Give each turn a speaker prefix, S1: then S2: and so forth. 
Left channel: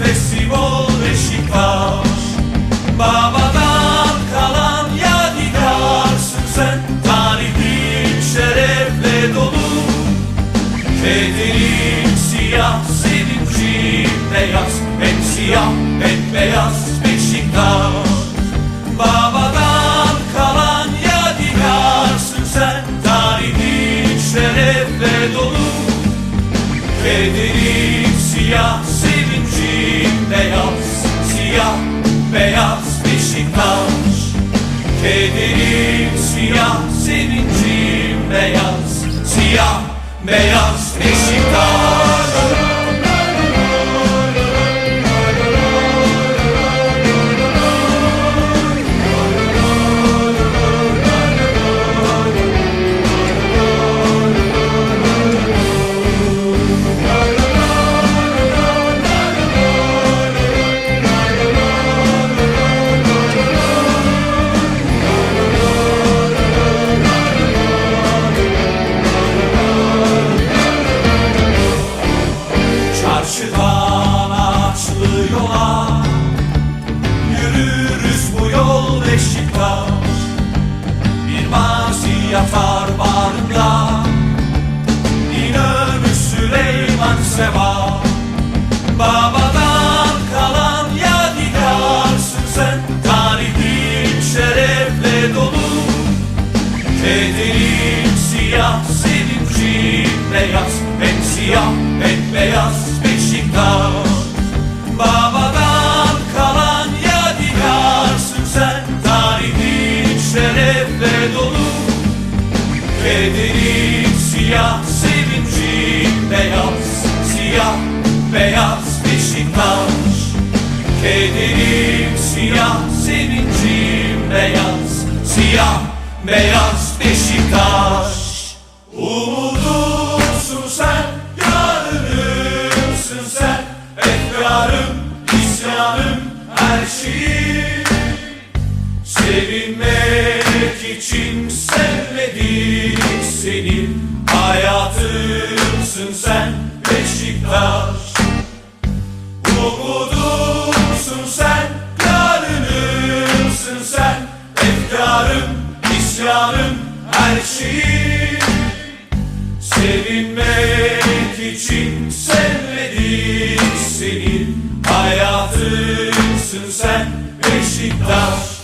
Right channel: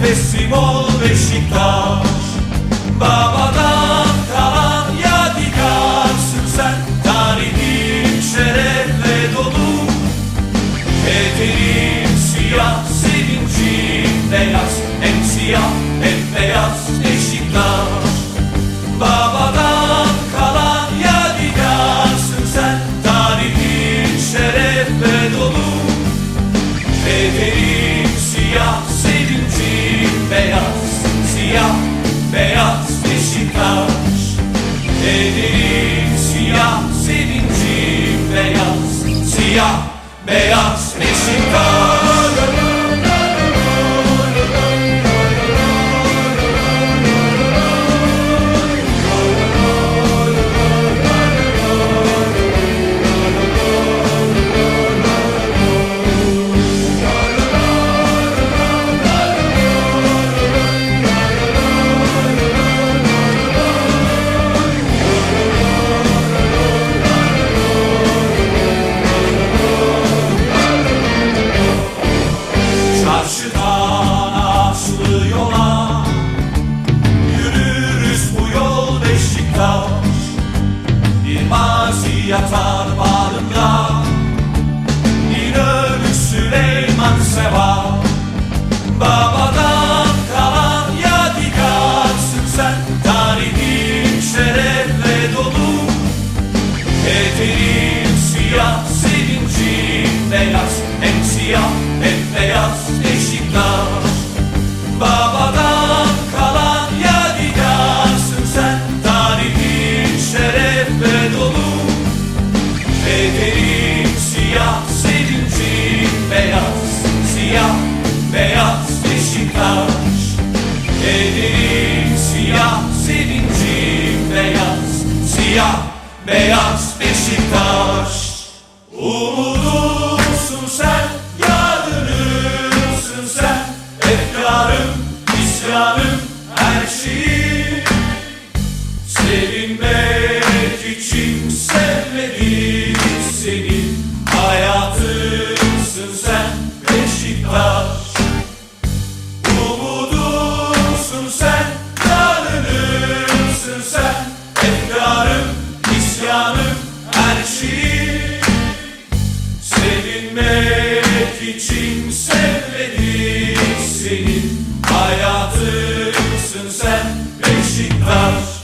S1: Nefesim ol Beşiktaş. Babadan kalan yadigarsın sen Tarihim şerefle dolu. Kederim siyah, sevincim beyaz Hem siyah hem beyaz Beşiktaş. Babadan kalan yadigarsın sen Tarihin şerefle dolu. Kederim siyah, sevincim beyaz Beşiktaş Kederim siyah, sevincim beyaz. Siyah, beyaz Beşiktaş Kederim siyah, sevincim beyaz? Hem siyah hem beyaz Beşiktaş. Babadan kalan yadigarsın sen. Tarihin şerefle dolu. Kederim beyaz Beşiktaş. Umudumsun sen, yarınımsın sen. Efkarım, isyanım, her şeyim. Sevinmek için Felicitar.